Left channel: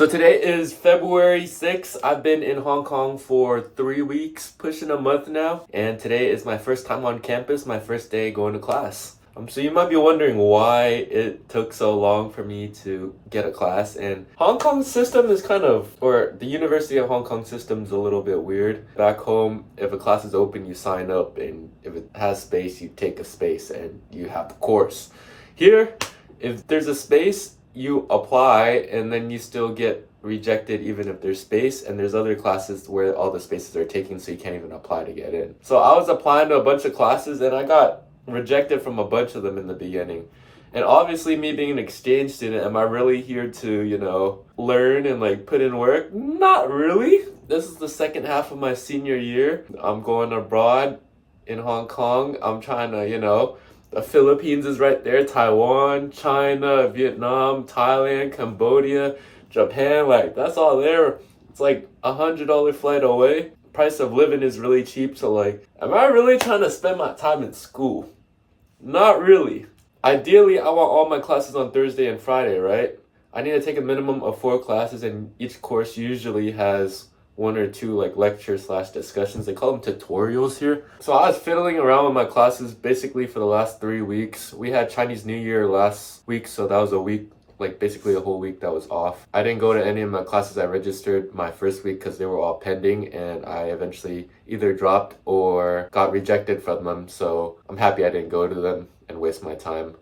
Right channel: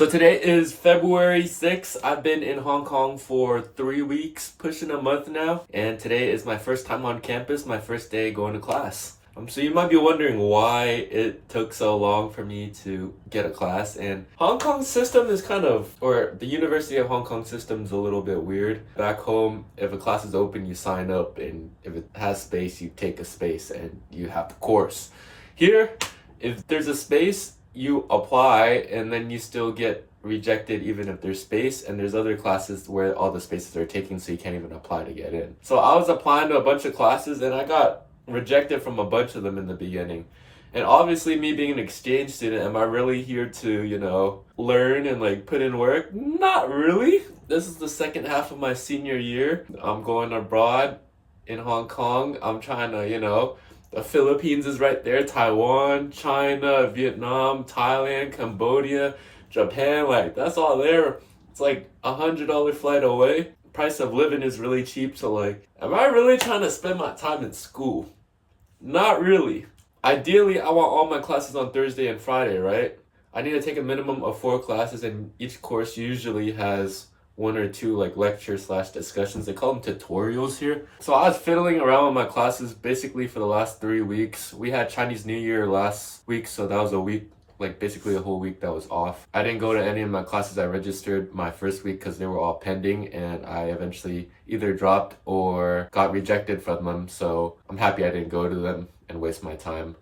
So today is February 6th. I've been in Hong Kong for 3 weeks, pushing a month now. And today is my first time on campus, my first day going to class. So you might be wondering why it took so long for me to get a class. And Hong Kong's system is or the University of Hong Kong system is a little bit weird. Back home, if a class is open, you sign up. And if it has space, you take a space and you have the course. Here, if there's a space, you apply and then you still get rejected even if there's space, and there's other classes where all the spaces are taken so you can't even apply to get in. So I was applying to a bunch of classes and I got rejected from a bunch of them in the beginning. And obviously, me being an exchange student, am I really here to, learn and put in work? Not really. This is the second half of my senior year. I'm going abroad in Hong Kong. I'm trying to, the Philippines is right there, Taiwan, China, Vietnam, Thailand, Cambodia, Japan, that's all there. It's $100 flight away. Price of living is really cheap, so am I really trying to spend my time in school? Not really. Ideally, I want all my classes on Thursday and Friday, right? I need to take a minimum of 4 classes, and each course usually has 1 or 2 lecture/discussions. They call them tutorials here. So I was fiddling around with my classes basically for the last 3 weeks. We had Chinese New Year last week, so that was a week, basically a whole week that was off. I didn't go to any of my classes. I registered my first week because they were all pending, and I eventually either dropped or got rejected from them. So I'm happy I didn't go to them and waste my time.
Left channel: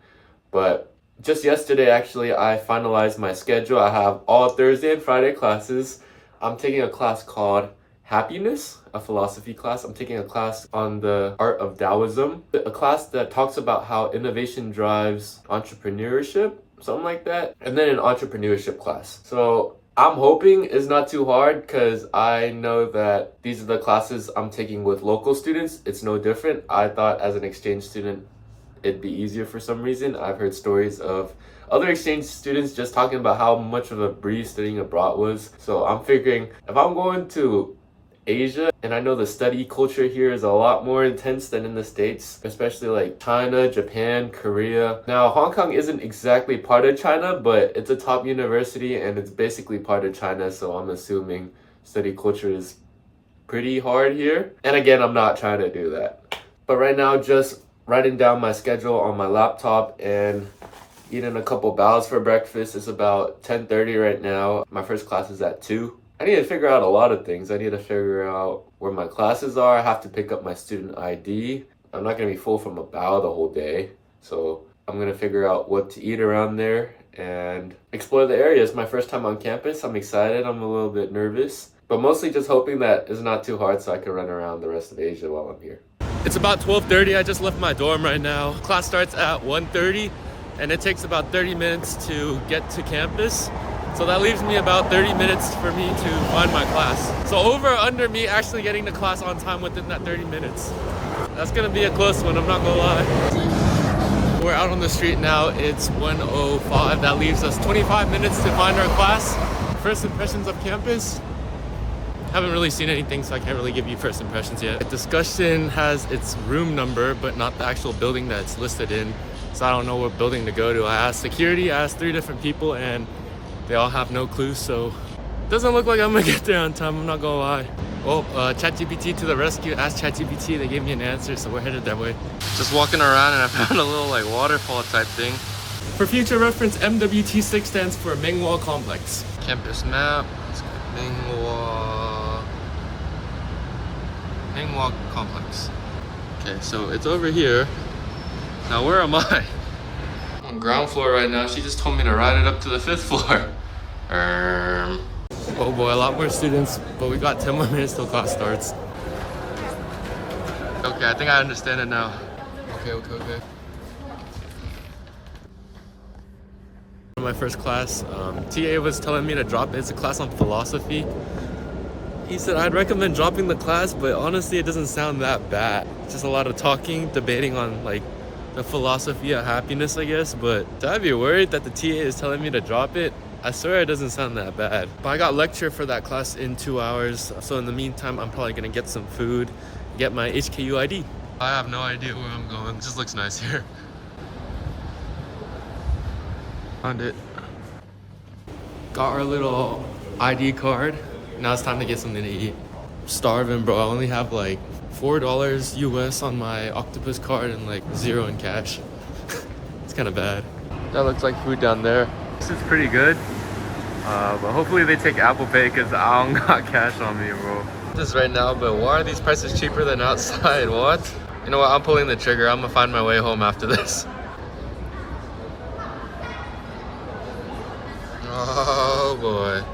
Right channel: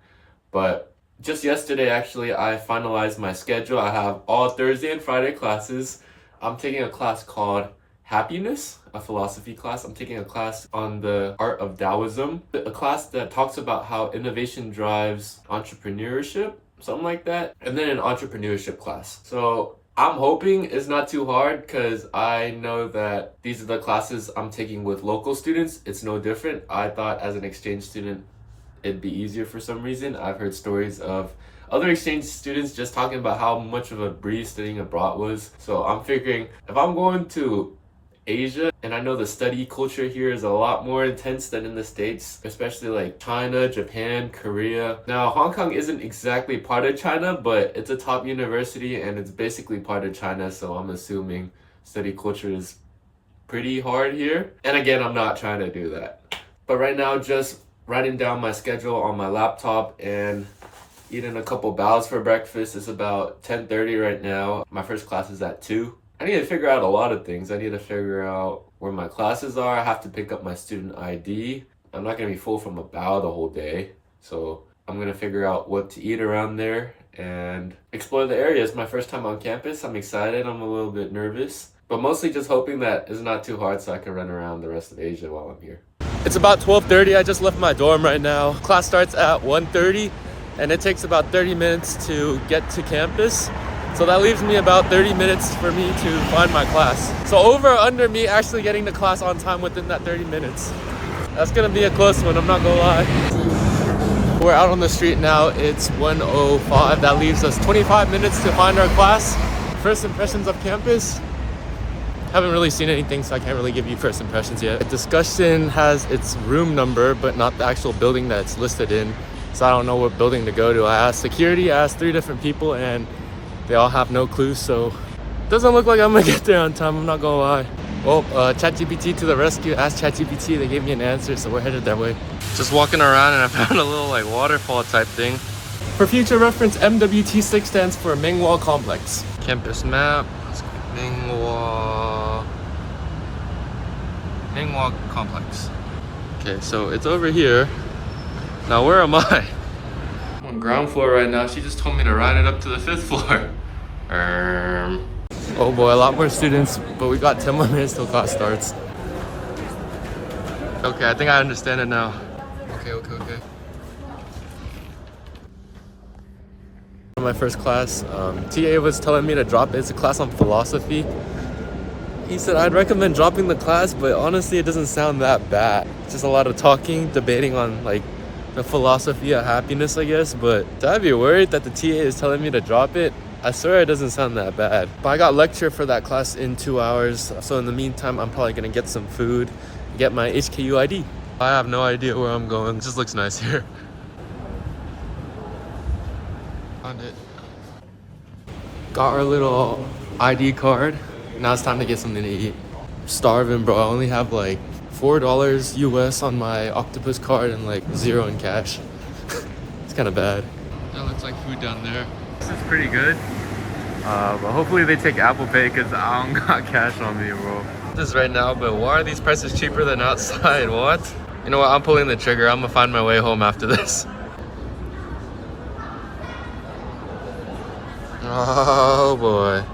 But just yesterday, actually, I finalized my schedule. I have all Thursday and Friday classes. I'm taking a class called Happiness, a philosophy class. I'm taking a class on the art of Taoism, a class that talks about how innovation drives entrepreneurship, something like that, and then an entrepreneurship class. So I'm hoping it's not too hard because I know that these are the classes I'm taking with local students. It's no different. I thought as an exchange student, it'd be easier for some reason. I've heard stories of other exchange students just talking about how much of a breeze studying abroad was. So I'm figuring if I'm going to Asia, and I know the study culture here is a lot more intense than in the States, especially China, Japan, Korea. Now, Hong Kong isn't exactly part of China, but it's a top university and it's basically part of China, so I'm assuming study culture is pretty hard here. And again, I'm not trying to do that. But right now, just writing down my schedule on my laptop and eating a couple baos for breakfast. It's about 10:30 right now. My first class is at 2. I need to figure out a lot of things. I need to figure out where my classes are. I have to pick up my student ID. I'm not going to be full from a bao the whole day. So I'm going to figure out what to eat around there and explore the area. It's my first time on campus. I'm excited. I'm a little bit nervous, but mostly just hoping that it's not too hard so I can run around the rest of Asia while I'm here. It's about 12:30. I just left my dorm right now. Class starts at 1:30 and it takes about 30 minutes to get to campus. So that leaves me about 30 minutes for me to find my class. So over or under me actually getting to class on time within that 30 minutes. That's gonna be a close one, I'm not gonna lie. We're out on the street now, it's 1:05. That leaves us 25 minutes to find our class. First impressions of campus. Haven't really seen anything, so I can't really give you first impressions yet. The discussion has its room number, but not the actual building that it's listed in. So I don't know what building to go to. I asked security, I asked 3 different people, and they all have no clue, so it doesn't look like I'm gonna get there on time, I'm not gonna lie. Well, ChatGPT to the rescue. Asked ChatGPT, they gave me an answer, so we're headed that way. Just walking around and I found a little waterfall type thing. For future reference, MWT6 stands for Menghua Complex. Campus map, Menghua Complex. Okay, so it's over here. Now where am I? I'm on ground floor right now. She just told me to ride it up to the 5th floor. Oh boy, a lot more students, but we got 10 more minutes till class starts. Okay, I think I understand it now. Okay. My first class, TA was telling me to drop it. It's a class on philosophy. He said I'd recommend dropping the class, but honestly it doesn't sound that bad. It's just a lot of talking, debating on the philosophy of happiness, I guess. But I'd be worried that the TA is telling me to drop it. I swear it doesn't sound that bad. But I got lecture for that class in 2 hours. So in the meantime, I'm probably gonna get some food, get my HKU ID. I have no idea where I'm going. It just looks nice here. Found it. Got our little ID card. Now it's time to get something to eat. Starving, bro. I only have like $4 US on my octopus card and like 0 in cash. It's kind of bad. That looks like food down there. This is pretty good. But hopefully they take Apple Pay because I don't got cash on me, bro. This is right now, but why are these prices cheaper than outside? What? You know what? I'm pulling the trigger. I'm gonna find my way home after this. Oh boy.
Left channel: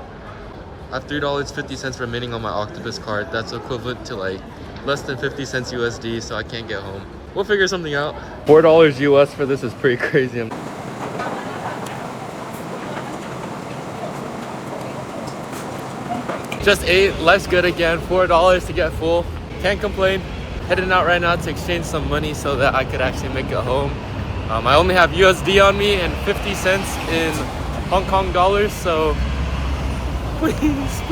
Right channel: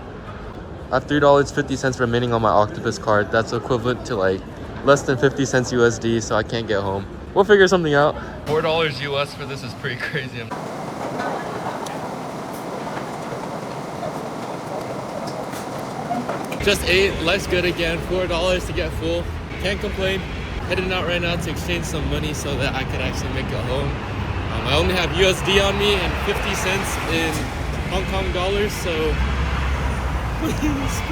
I have $3.50 remaining on my octopus card. That's equivalent to like less than 50 cents USD, so I can't get home. We'll figure something out. $4 US for this is pretty crazy. Just ate, life's good again. $4 to get full. Can't complain. Heading out right now to exchange some money so that I could actually make it home. I only have USD on me and 50 cents in Hong Kong dollars, so please.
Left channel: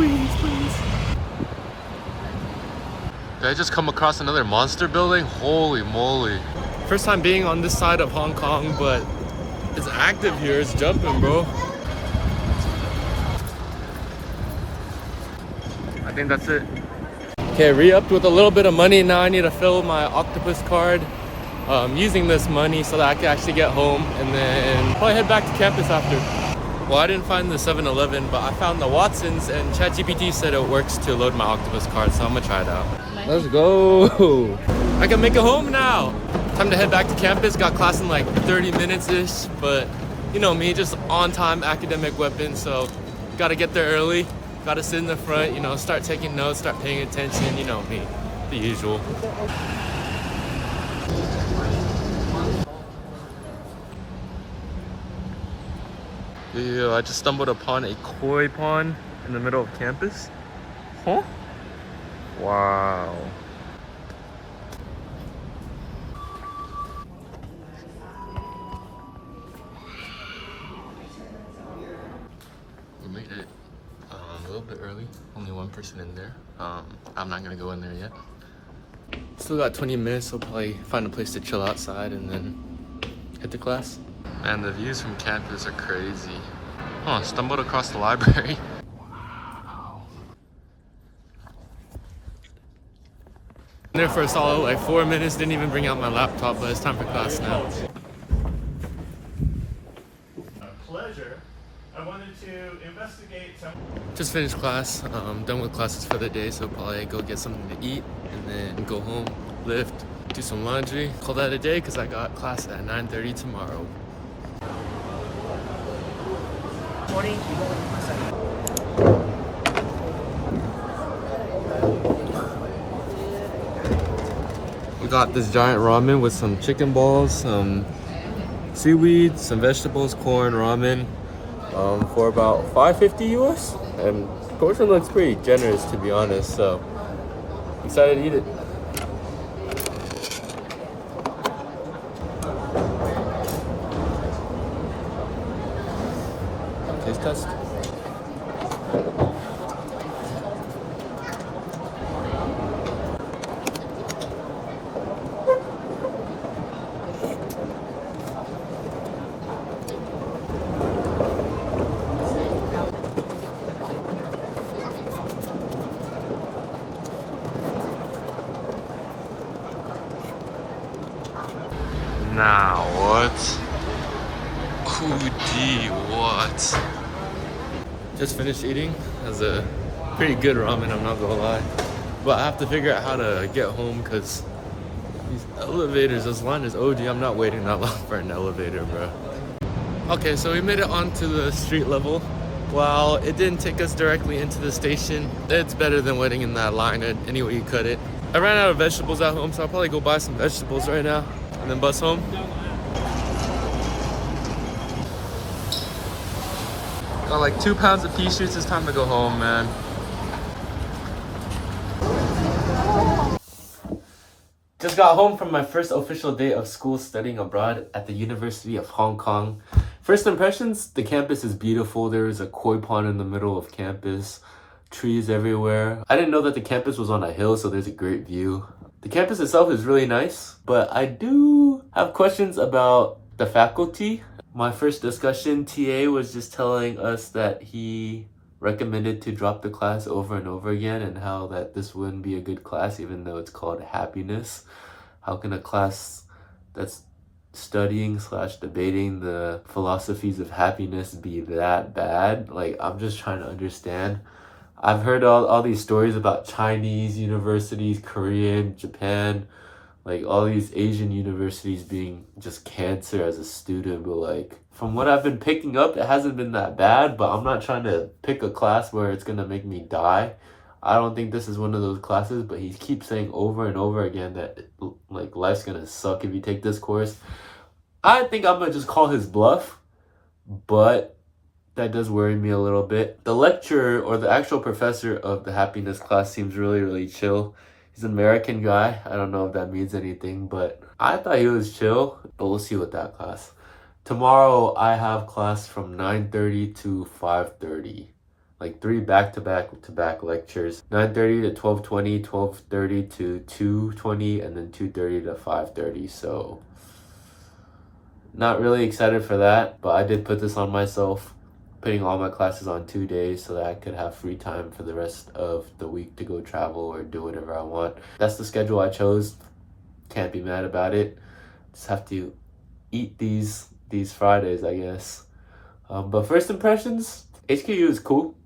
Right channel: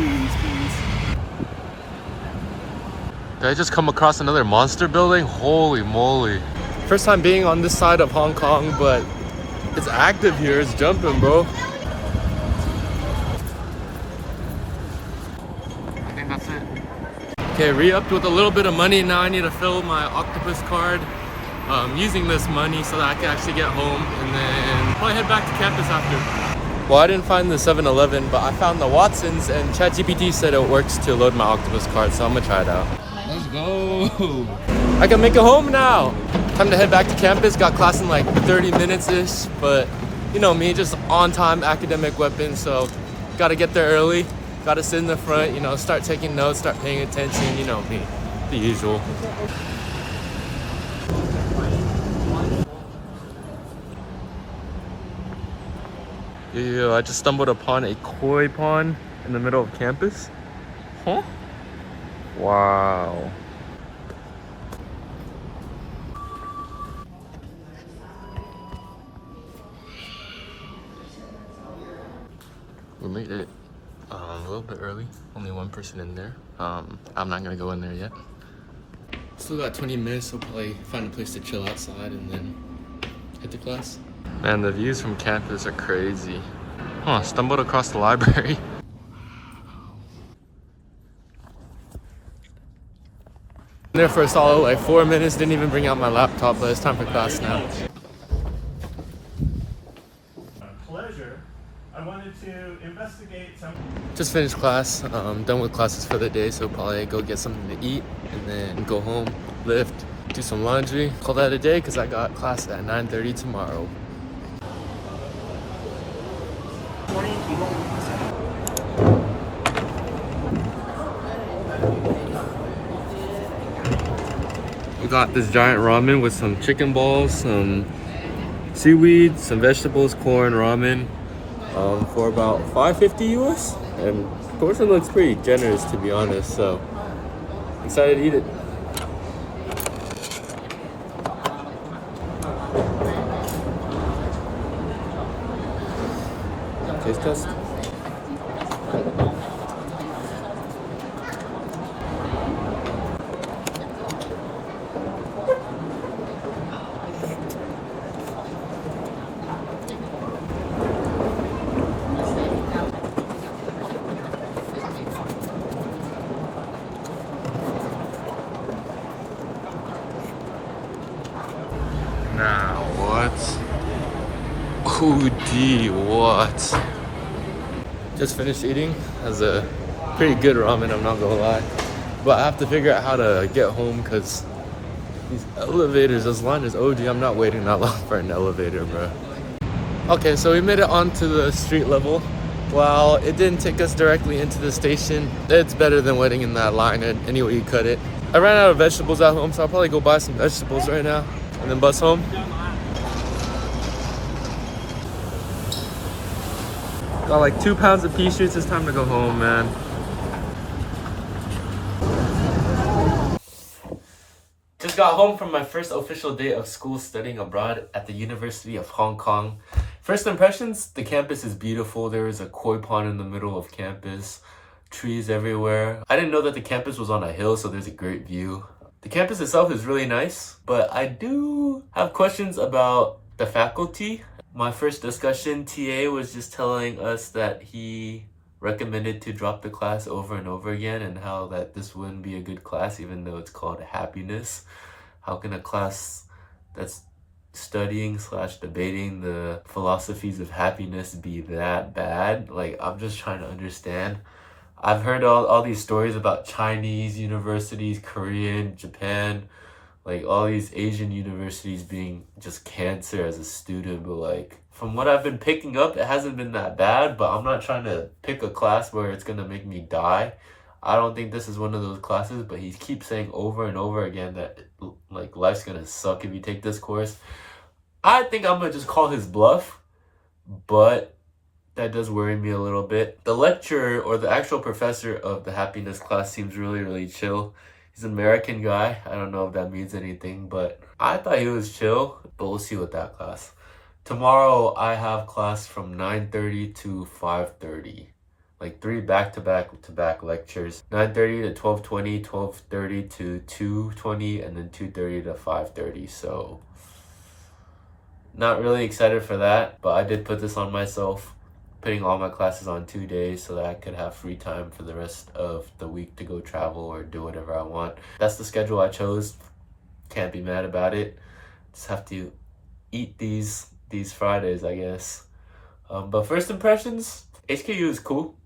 Did I just come across another monster building? Holy moly. First time being on this side of Hong Kong, but it's active here. It's jumping, bro. I think that's it. Okay, re-upped with a little bit of money. Now I need to fill my octopus card using this money so that I can actually get home and then probably head back to campus after. Well, I didn't find the 7-Eleven, but I found the Watsons, and ChatGPT said it works to load my octopus card, so I'm gonna try it out. Let's go. I can make it home now. Time to head back to campus. Got class in like 30 minutes-ish, but you know me, just on-time academic weapon, so gotta get there early. Gotta sit in the front, you know, start taking notes, start paying attention, you know me, the usual. Yeah, I just stumbled upon a koi pond in the middle of campus. Huh? Wow. We made it a little bit early. Only one person in there. I'm not gonna go in there yet. Still got 20 minutes, so probably find a place to chill outside and then hit the class. Man, the views from campus are crazy. Huh, stumbled across the library. There for a solid like 4 minutes, didn't even bring out my laptop, but it's time for class now. Pleasure. I wanted to investigate some. Just finished class, done with classes for the day, so probably go get something to eat and then go home, lift, do some laundry, call that a day because I got class at 9:30 tomorrow. We got this giant ramen with some chicken balls, some seaweed, some vegetables, corn, ramen, for about $5.50 US. And the portion looks pretty generous, to be honest, so excited to eat it. Taste test. Now what? OD, what? Just finished eating. Has a pretty good ramen, I'm not gonna lie. But I have to figure out how to get home because these elevators, this line is OD. I'm not waiting that long for an elevator, bro. Okay, so we made it onto the street level. While it didn't take us directly into the station, it's better than waiting in that line any way you cut it. I ran out of vegetables at home, so I'll probably go buy some vegetables right now and then bus home. Got like 2 pounds of pea shoots. It's time to go home, man. Just got home from my first official day of school studying abroad at the University of Hong Kong. First impressions, the campus is beautiful. There is a koi pond in the middle of campus, trees everywhere. I didn't know that the campus was on a hill, so there's a great view. The campus itself is really nice, but I do have questions about the faculty. My first discussion, TA was just telling us that he recommended to drop the class over and over again and how that this wouldn't be a good class even though it's called happiness. How can a class that's studying slash debating the philosophies of happiness be that bad? Like, I'm just trying to understand. I've heard all these stories about Chinese universities, Korean, Japan, like all these Asian universities being just cancer as a student, but like from what I've been picking up, it hasn't been that bad, but I'm not trying to pick a class where it's gonna make me die. I don't think this is one of those classes, but he keeps saying over and over again that like life's gonna suck if you take this course. I think I'm gonna just call his bluff, but that does worry me a little bit. The lecturer or the actual professor of the happiness class seems really, really chill. He's an American guy. I don't know if that means anything, but I thought he was chill, but we'll see with that class. Tomorrow I have class from 9:30 to 5:30. Like three back-to-back lectures. 9:30 to 12:20, 12:30 to 2:20, and then 2:30 to 5:30. So not really excited for that, but I did put this on myself, putting all my classes on 2 days so that I could have free time for the rest of the week to go travel or do whatever I want. That's the schedule I chose. Can't be mad about it. Just have to eat these Fridays, I guess. But first impressions, HKU is cool.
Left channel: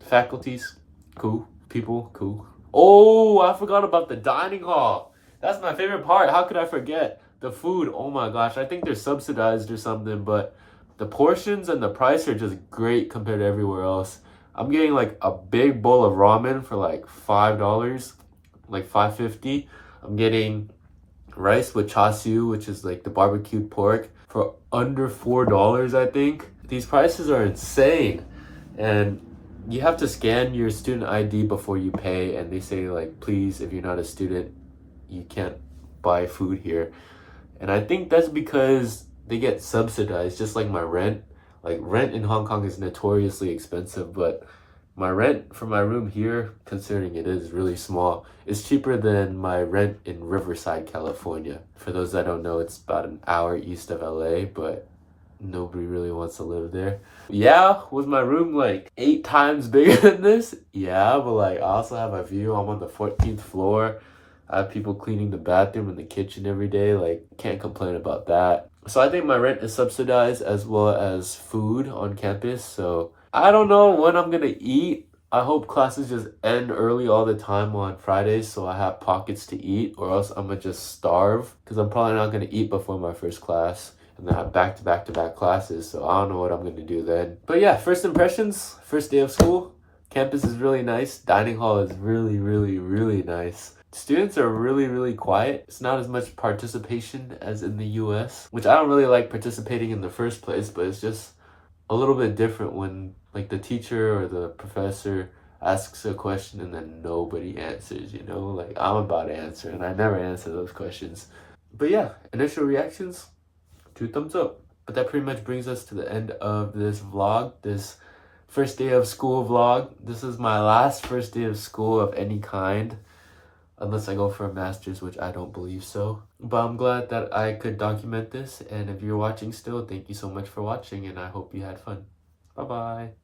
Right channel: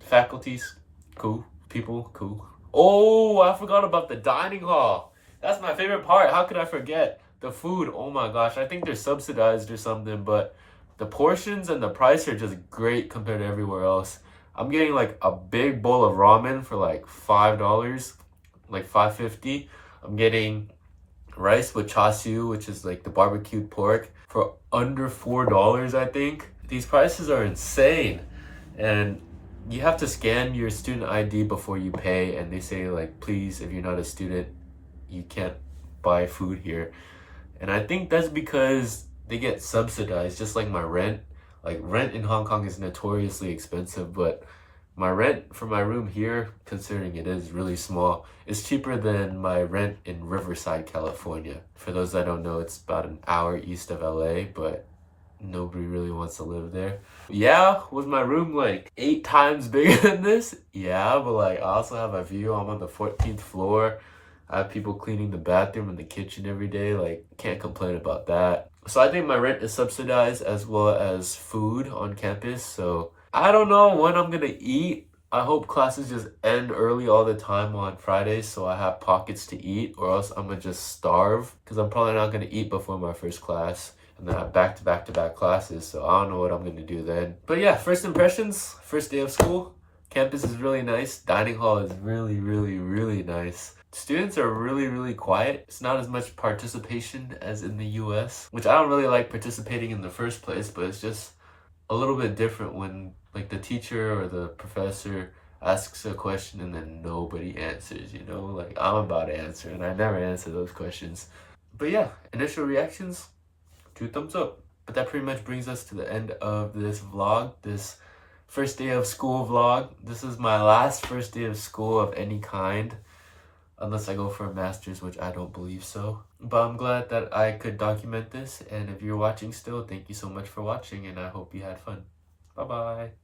Faculties, cool. People, cool. Oh, I forgot about the dining hall. That's my favorite part. How could I forget? The food, oh my gosh. I think they're subsidized or something, but the portions and the price are just great compared to everywhere else. I'm getting like a big bowl of ramen for like $5, like $5.50. I'm getting rice with chashu, which is like the barbecued pork, for under $4, I think. These prices are insane. And you have to scan your student ID before you pay, and they say like, please, if you're not a student, you can't buy food here. And I think that's because they get subsidized, just like my rent. Like rent in Hong Kong is notoriously expensive, but my rent for my room here, considering it is really small, is cheaper than my rent in Riverside, California. For those that don't know, it's about an hour east of LA, but nobody really wants to live there. Yeah, was my room like 8 times bigger than this? Yeah, but like I also have a view. I'm on the 14th floor. I have people cleaning the bathroom and the kitchen every day. Like, can't complain about that. So I think my rent is subsidized as well as food on campus. So I don't know when I'm gonna eat. I hope classes just end early all the time on Fridays so I have pockets to eat, or else I'm gonna just starve because I'm probably not gonna eat before my first class. And then I have back-to-back classes, so I don't know what I'm gonna do then. But yeah, first impressions, first day of school. Campus is really nice. Dining hall is really, really, really nice. Students are really, really quiet. It's not as much participation as in the US, which I don't really like participating in the first place, but it's just a little bit different when like the teacher or the professor asks a question and then nobody answers, you know? Like I'm about to answer and I never answer those questions. But yeah, initial reactions, 2 thumbs up. But that pretty much brings us to the end of this vlog, this first day of school vlog. This is my last first day of school of any kind. Unless I go for a master's, which I don't believe so. But I'm glad that I could document this. And if you're watching still, thank you so much for watching. And I hope you had fun. Bye-bye.